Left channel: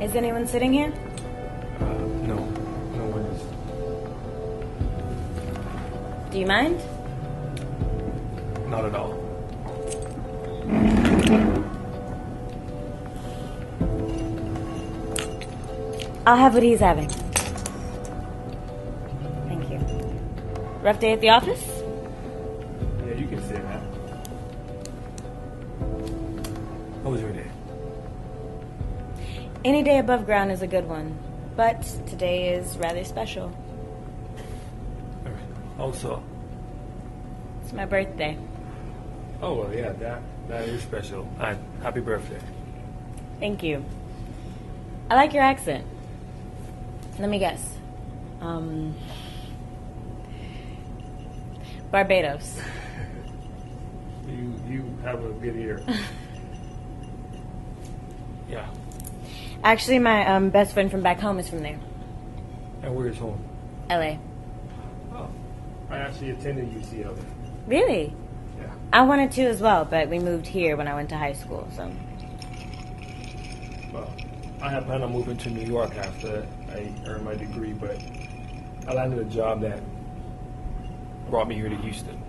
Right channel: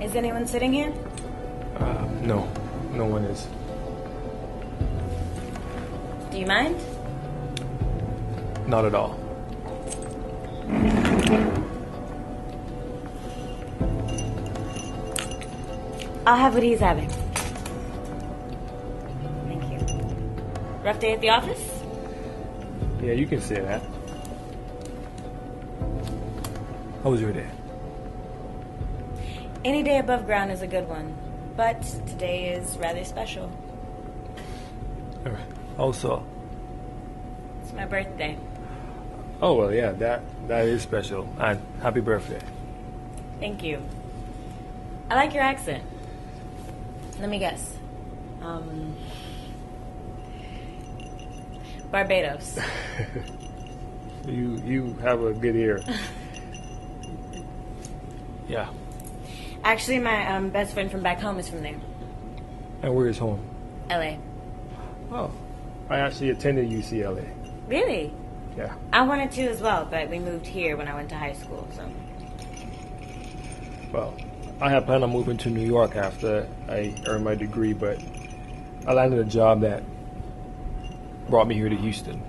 Is anyone sitting here? No. No one is. Do you mind? Not at all. I'll have what he's having. Thank you. Rough day at the office? Yeah, you can say that. How was your day? Any day above ground is a good one, but today is rather special. All right. Also. It's my birthday. Oh, well, yeah, that is special. And happy birthday. Thank you. I like your accent. Let me guess. Barbados. You have a good ear. Yeah. Actually, my best friend from back home is from there. And where is home? LA. Oh, I actually attended UCLA. Really? Yeah. I wanted to as well, but we moved here when I went to high school, so. Well, I had planned on moving to New York after I earned my degree, but I landed a job that brought me here to Houston.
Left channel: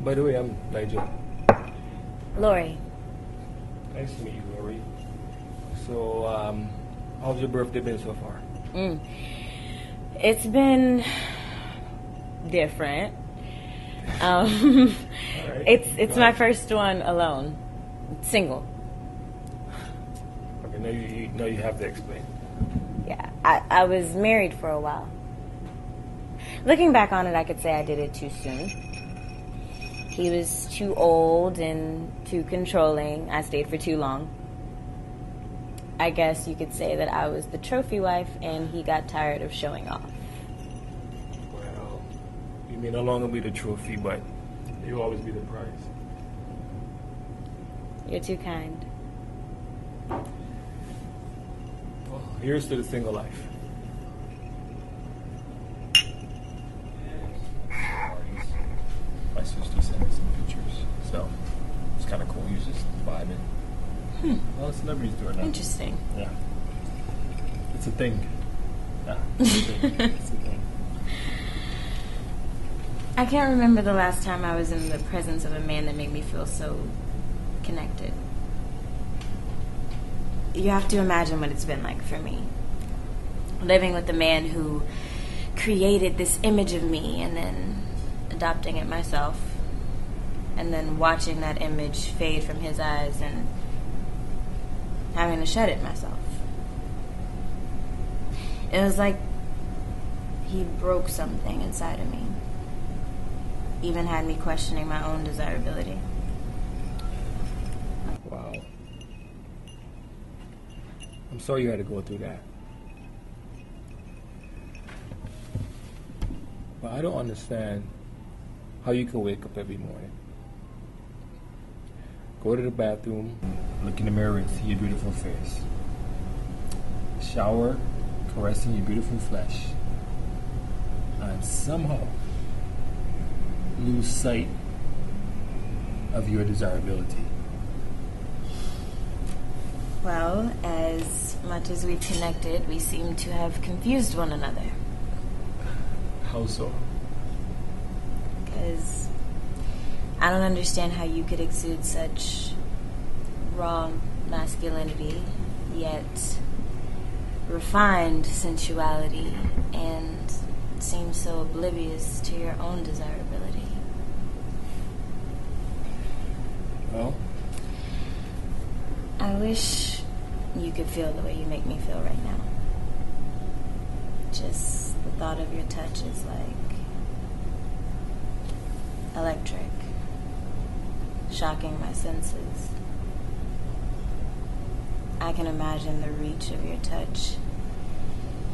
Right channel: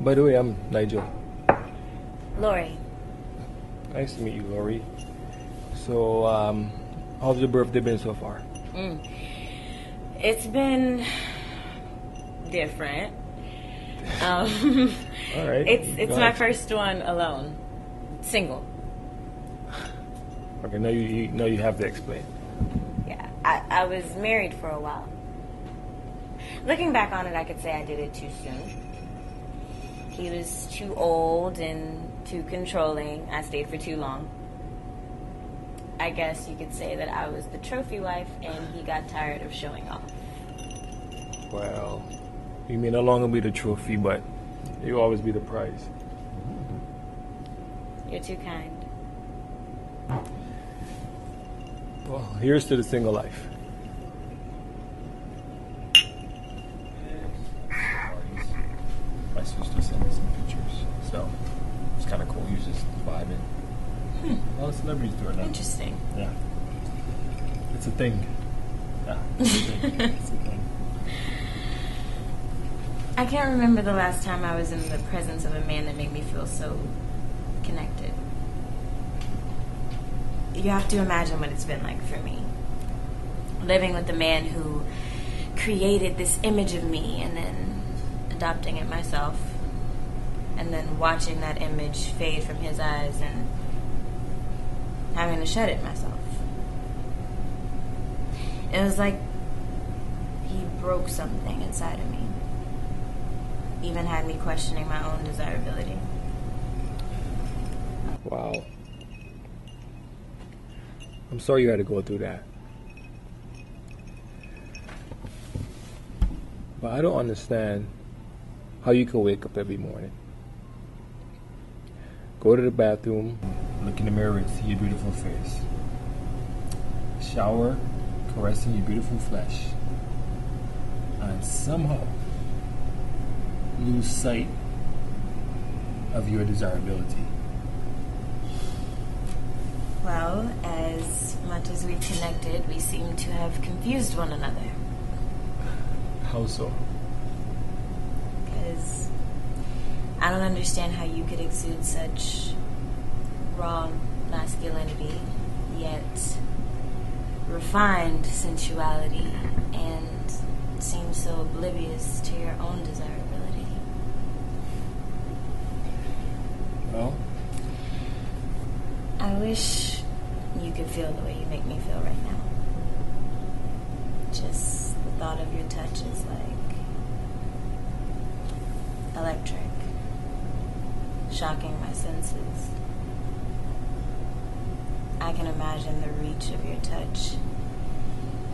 By the way, I'm Nigel. Lori. Nice to meet you, Lori. So, how's your birthday been so far? It's been different. All right. It's my first one alone, single. Okay, now you have to explain. Yeah, I was married for a while. Looking back on it, I could say I did it too soon. He was too old and too controlling. I stayed for too long. I guess you could say that I was the trophy wife and he got tired of showing off. Well, you may no longer be the trophy, but you'll always be the prize. You're too kind. Well, here's to the single life. My sister sent me some pictures, so it's kind of cool. You're just vibing. A lot of celebrities do it now. Interesting. Yeah, it's a thing. Yeah, it's a thing. It's a thing. I can't remember the last time I was in the presence of a man that made me feel so connected. You have to imagine what it's been like for me. Living with the man who created this image of me and then adopting it myself. And then watching that image fade from his eyes and having to shed it myself. It was like he broke something inside of me. Even had me questioning my own desirability. Wow. I'm sorry you had to go through that. But I don't understand how you can wake up every morning, go to the bathroom, Look in the mirror and see your beautiful face. Shower, caressing your beautiful flesh, and somehow lose sight of your desirability. Well, as much as we've connected, we seem to have confused one another. How so? Because I don't understand how you could exude such raw masculinity, yet refined sensuality, and seem so oblivious to your own desirability. Well, I wish you could feel the way you make me feel right now. Just the thought of your touch is like electric, shocking my senses. I can imagine the reach of your touch,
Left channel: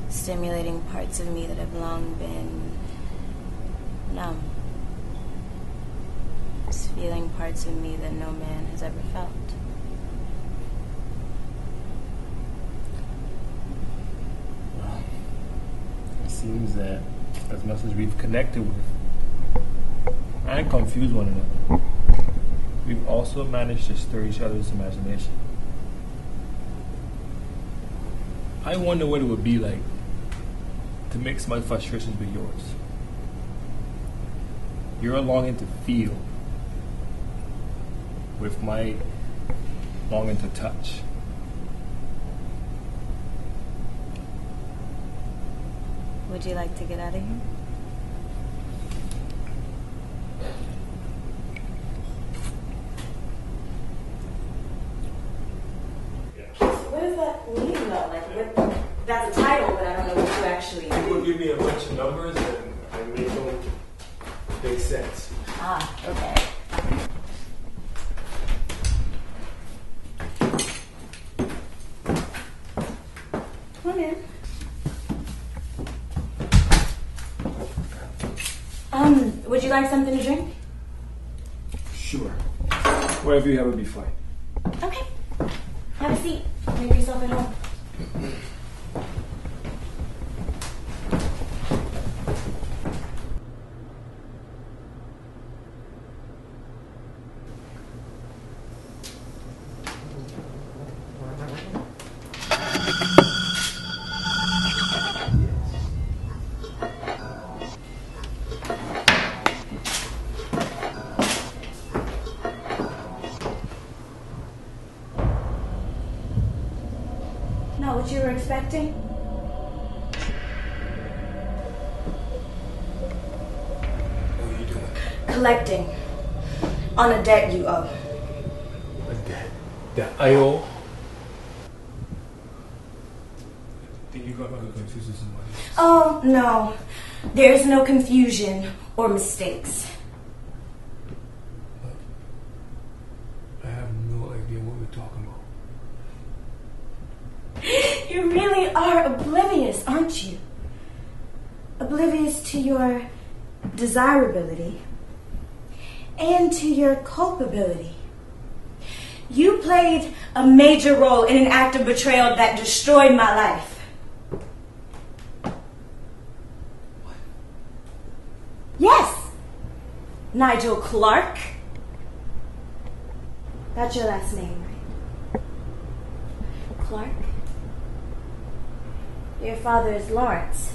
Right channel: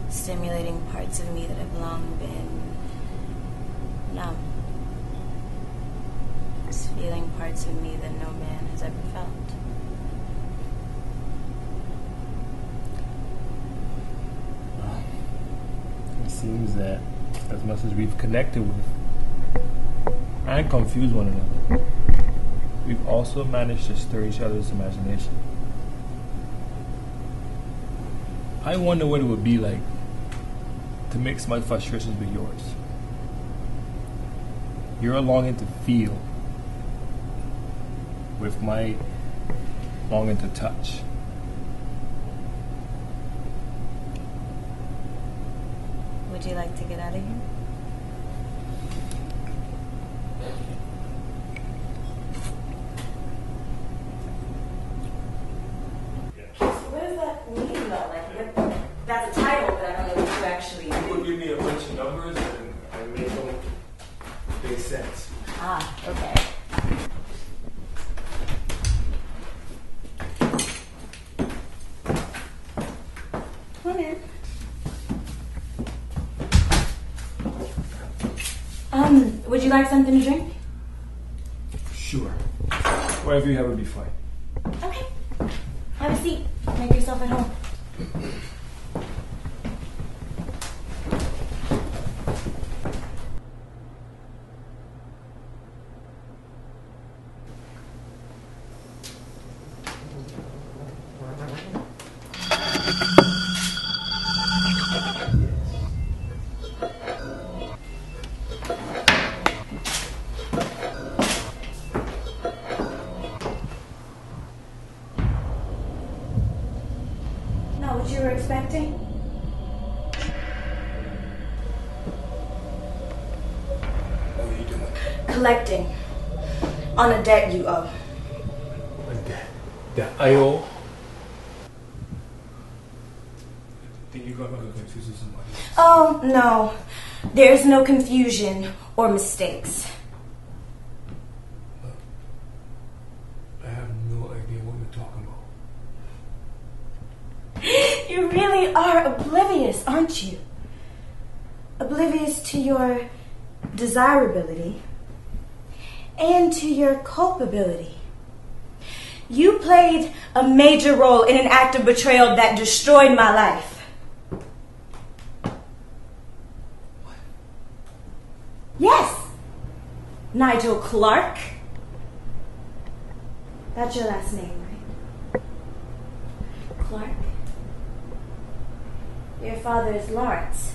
stimulating parts of me that have long been numb. Just feeling parts of me that no man has ever felt. it seems that as much as we've connected with and confused one another, we've also managed to stir each other's imagination. I wonder what it would be like to mix my frustrations with yours. You're longing to feel with my longing to touch. Would you like to get out of here? What does that mean, though? Like, that's a title, but I don't know what you actually do. People give me a bunch of numbers and I make them make sense. Ah, okay. Come in. Would you like something to drink? Sure. Whatever you have would be fine. Okay. Have a seat. Make yourself at home. Not what you were expecting? What are you doing? Collecting on a debt you owe. A debt that I owe? Think you got me confused with somebody else? Oh, no. There's no confusion or mistakes. I have no idea what we're talking about. You really are oblivious, aren't you? Oblivious to your desirability and to your culpability. You played a major role in an act of betrayal that destroyed my life. What? Yes, Nigel Clark. That's your last name, right? Clark? Your father is Lawrence.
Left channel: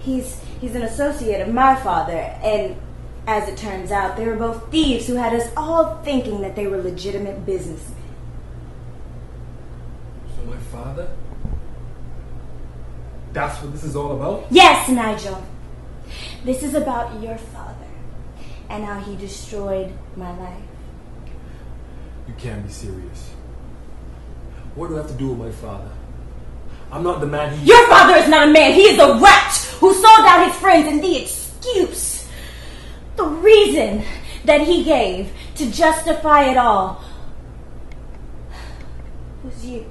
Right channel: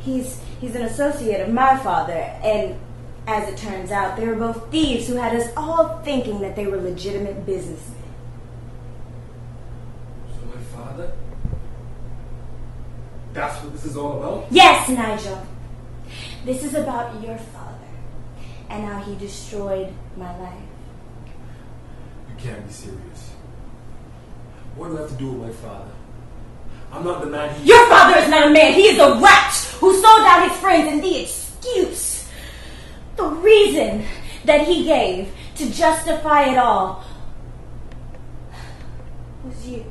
He's an associate of my father, and as it turns out, they were both thieves who had us all thinking that they were legitimate businessmen. So my father? That's what this is all about? Yes, Nigel. This is about your father and how he destroyed my life. You can't be serious. What do I have to do with my father? I'm not the man he... Your father is not a man. He is a rat who sold out his friends, and the excuse, the reason that he gave to justify it all was you.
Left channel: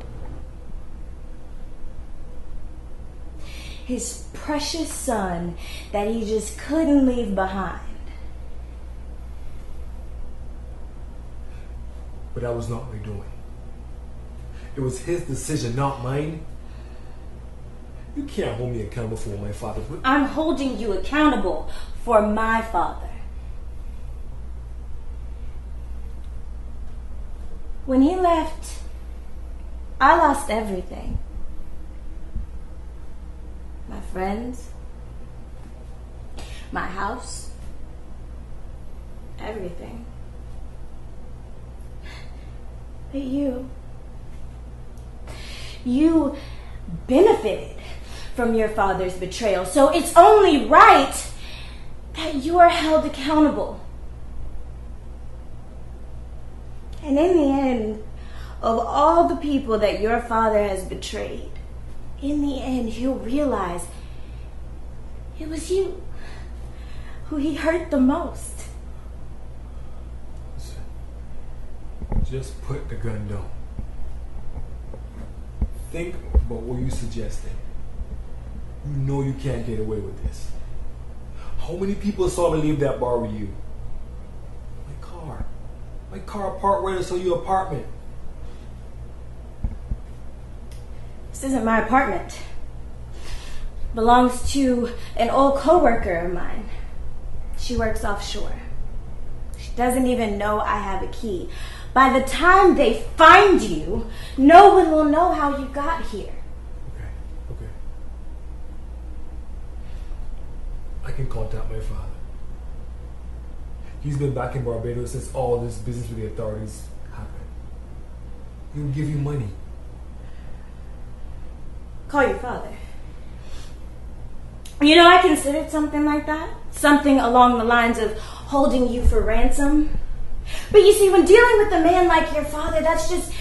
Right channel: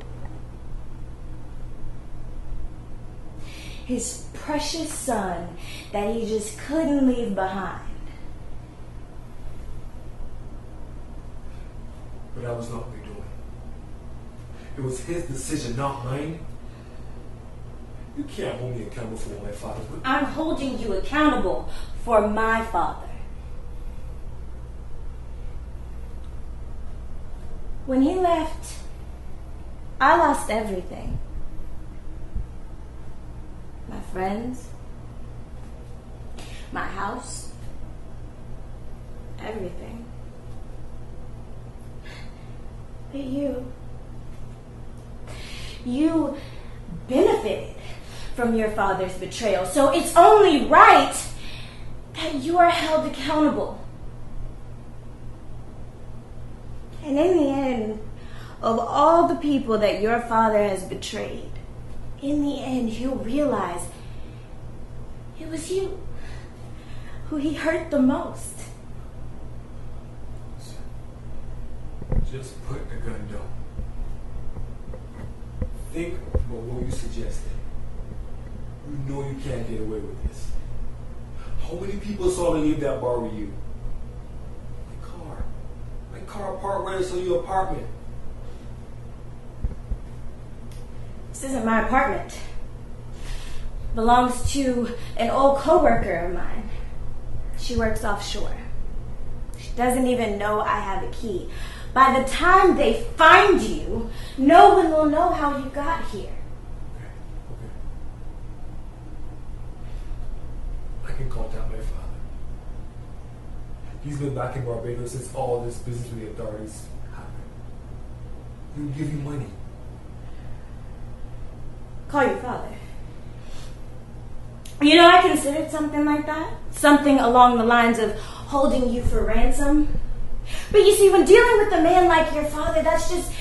His precious son that he just couldn't leave behind. But that was not my doing. It was his decision, not mine. You can't hold me accountable for what my father did. I'm holding you accountable for my father. When he left, I lost everything. My friends, my house, everything. But you benefited from your father's betrayal, so it's only right that you are held accountable. And in the end, of all the people that your father has betrayed, in the end, he'll realize it was you who he hurt the most. Just put the gun down. Think about what you suggested. You know you can't get away with this. How many people saw me leave that bar with you? My car parked right outside your apartment. This isn't my apartment. It belongs to an old coworker of mine. She works offshore. She doesn't even know I have a key. By the time they find you, no one will know how you got here. can contact my father. He's been back in Barbados since all this business with the authorities happened. He will give you money. Call your father. You know, I considered something like that. Something along the lines of holding you for ransom. But you see, when dealing with a man like your father, that's just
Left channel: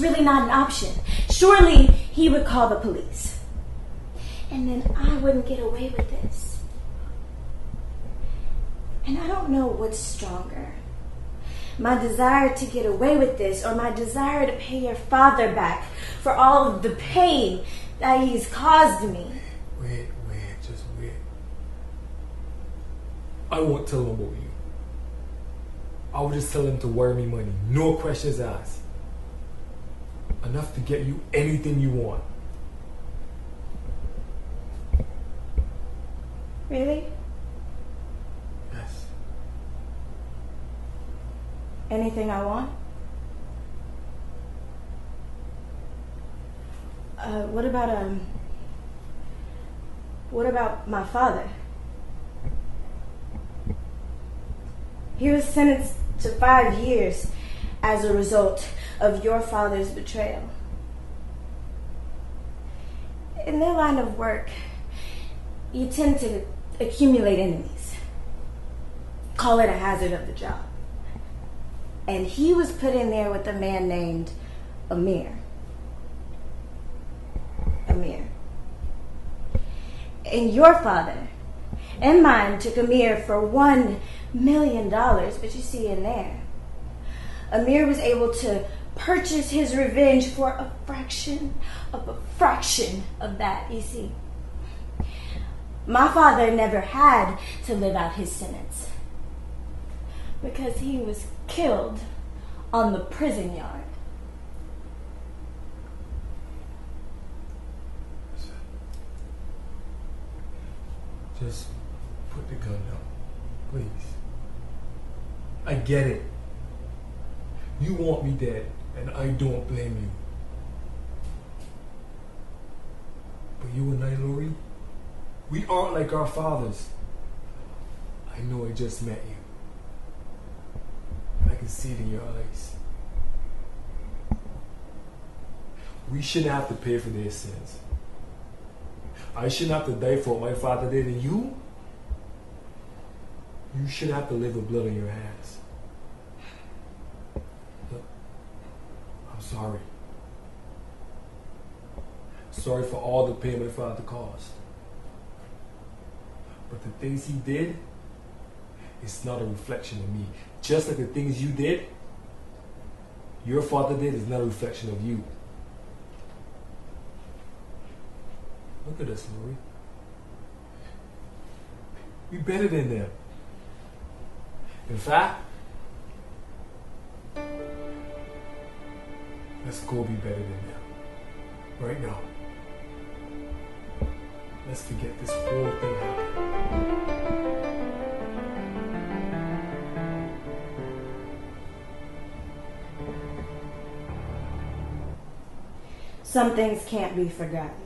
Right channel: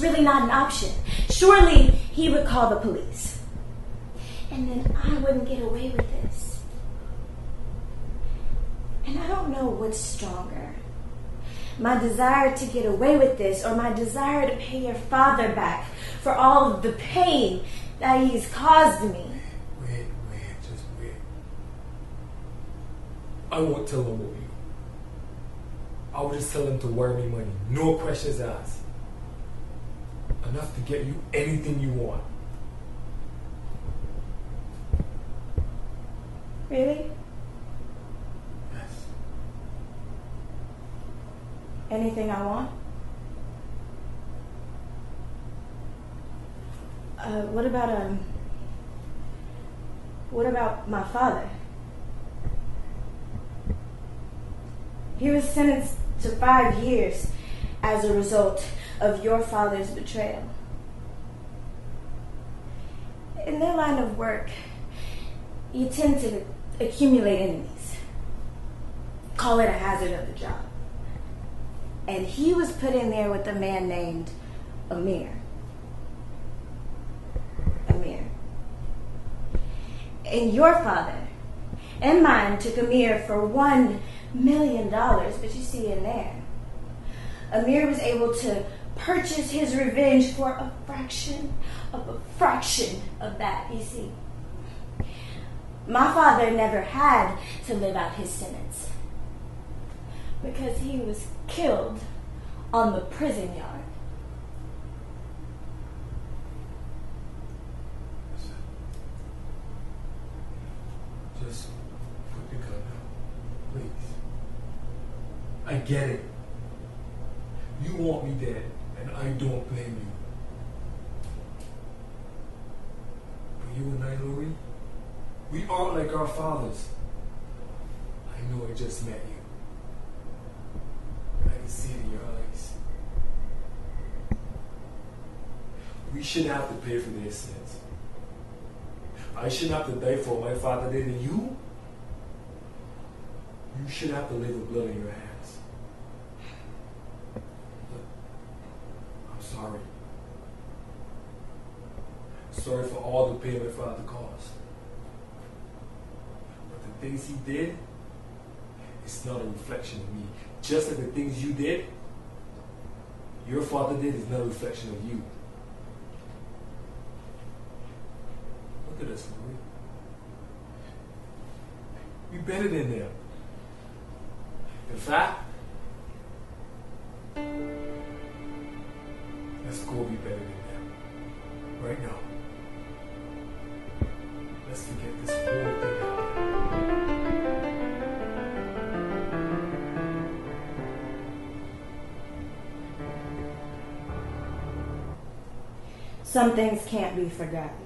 really not an option. Surely he would call the police. And then I wouldn't get away with this. And I don't know what's stronger. My desire to get away with this or my desire to pay your father back for all of the pain that he's caused me. Wait, just wait. I won't tell him about you. I will just tell him to wire me money. No questions asked. Enough to get you anything you want. Really? Yes. Anything I want? What about my father? He was sentenced to 5 years as a result of your father's betrayal. In their line of work, you tend to accumulate enemies. Call it a hazard of the job. And he was put in there with a man named Amir. And your father and mine took Amir for $1 million, but you see in there, Amir was able to purchase his revenge for a fraction of that, you see. My father never had to live out his sentence because he was killed on the prison yard. Just put the gun down, please. I get it. You want me dead, and I don't blame you. But you and Nigel, we aren't like our fathers. I know I just met you. And I can see it in your eyes. We shouldn't have to pay for their sins. I shouldn't have to die for what my father did, and you shouldn't have to live with blood on your hands. Look, I'm sorry. Sorry for all the pain my father caused. But the things he did, it's not a reflection of me. Just like the things you did, your father did, is not a reflection of you. Look at us, Marie. We're better than them. In fact, let's go be better than them. Right now. Let's forget this whole thing happened. Some things can't be forgotten.